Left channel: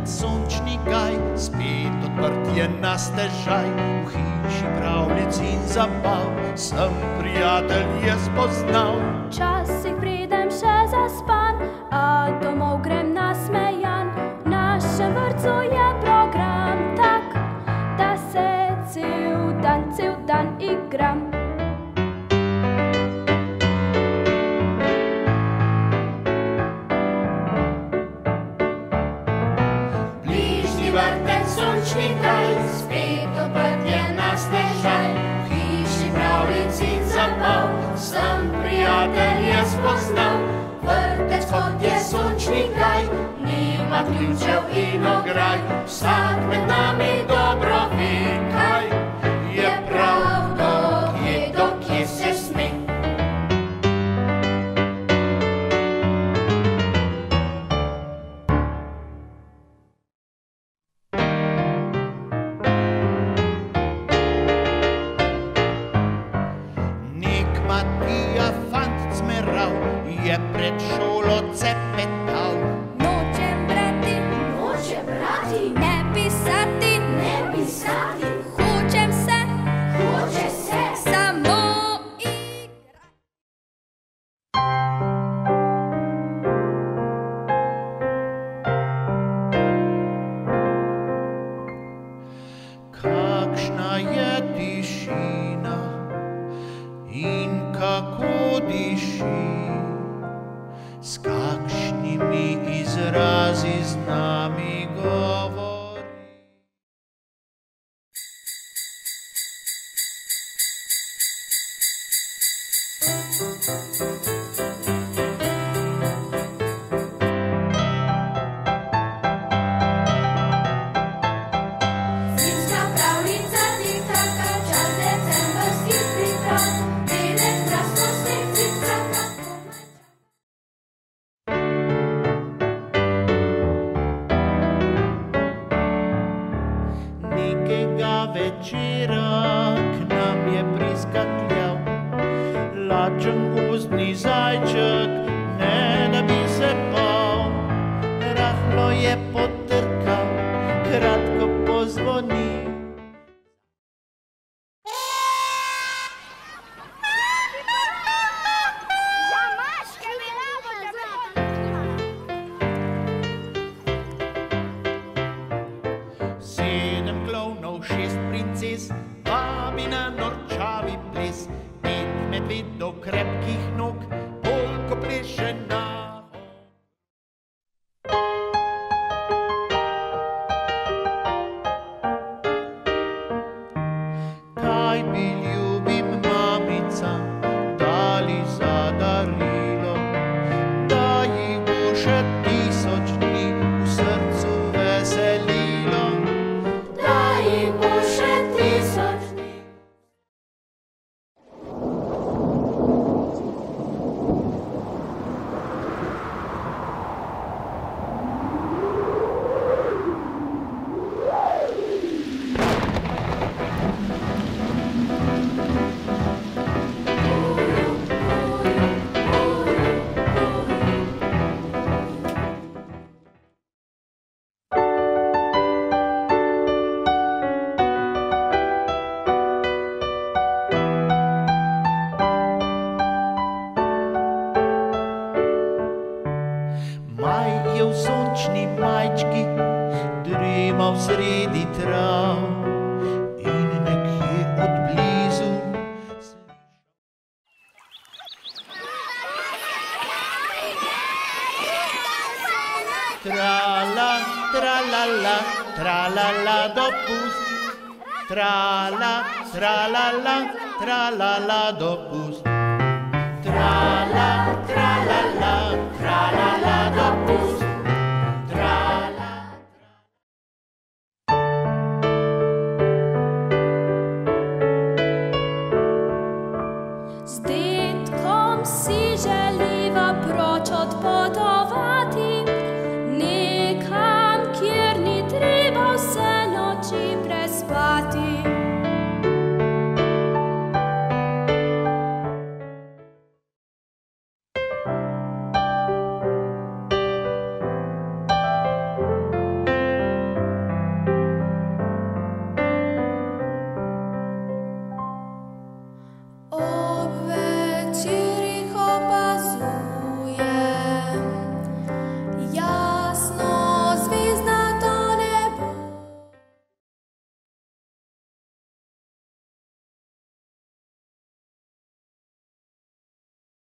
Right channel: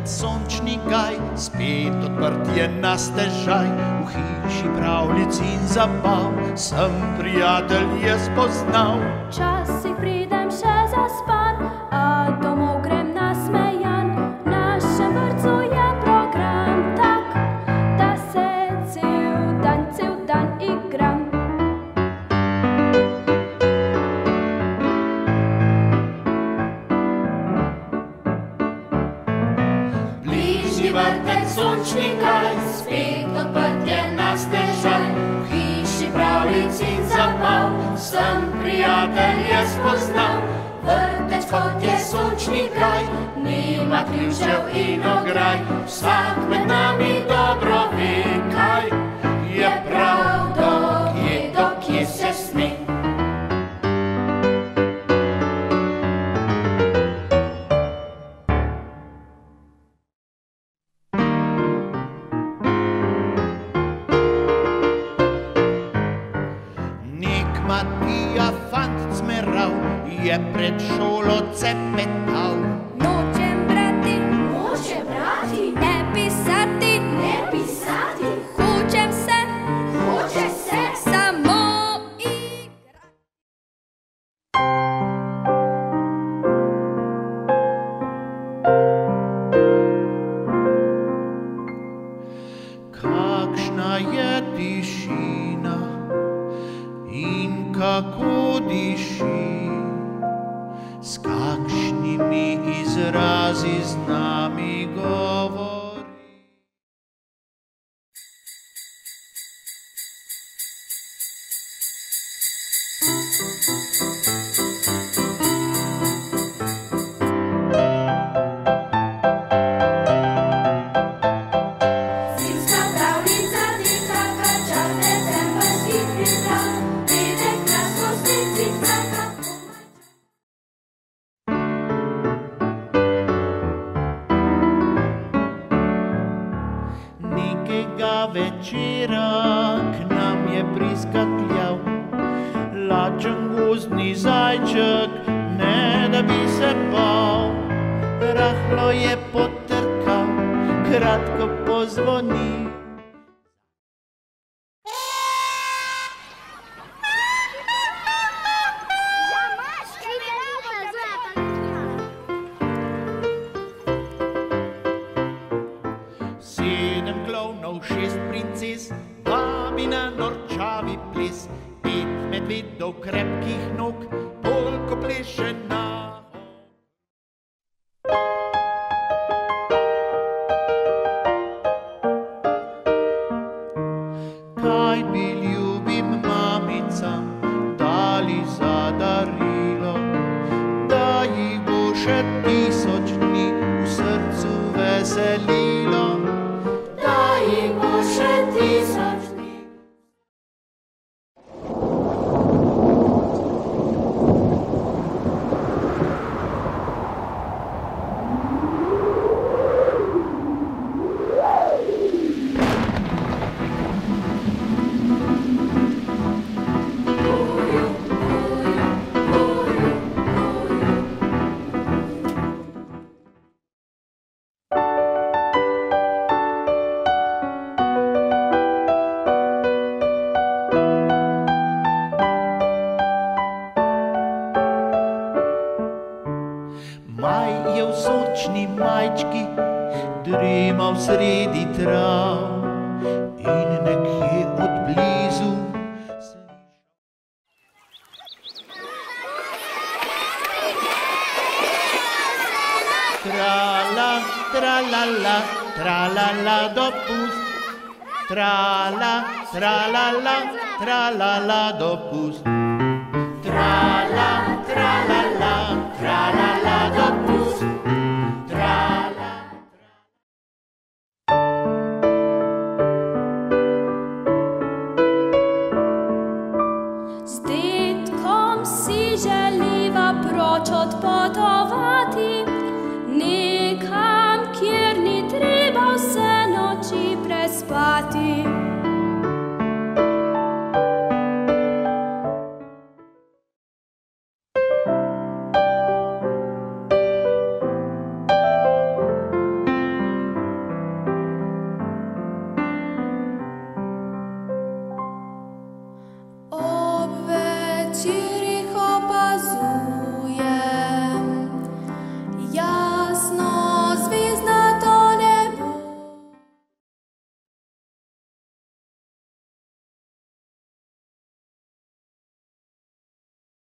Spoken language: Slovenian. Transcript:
vrtec, sončni gaj, spet odprt je na stežaj. V hiši pravljic in zabav sem prijatelje spoznal. Včasih pridem še zaspan, a domov grem nasmejan. V našem vrtcu je program tak, da se cel dan igram. Vrtec, sončni gaj, spet odprt je na stežaj. V hiši pravljic in zabav sem prijatelje spoznal. Vrtec, kot je sončni gaj, nima ključev in ograj. Vsak med nami dobro ve, kaj je prav, dokje se sme. Matija fant cmerav, je pred šolo cepetal. Nočem brati, ne pisati, hočem se samo igrati. Kakšna je tišina in kako diši, s kakšnimi izrazi z nami govori. Zimska pravljica tika, čas decembrskih priprav. Nekega večera k nam je priskakljal lačen gozdni zajček, ne da bi se bal. Rahlo je potrkal, kratko pozvonil. Sedem klovnov, 6 princes, vabi na norčavi ples. 5 medvedov krepkih nog, polko pleše na hok. Kaj bi ljubim mamicam dali za darilo, da jih bo še 1000 dni v srcu veselilo. Da jih bo še 1000 dni. Maj je v sončni majčki dremal sredi trav in nekje od blizu trala, tralala, tralala dopust. Trala, tralala, tralala dopust. Trala, tralala, tralala dopust. Trala. Z detkom si želiva proč odpotovati, nekam, kjer ni treba vse noči prespati. zrazu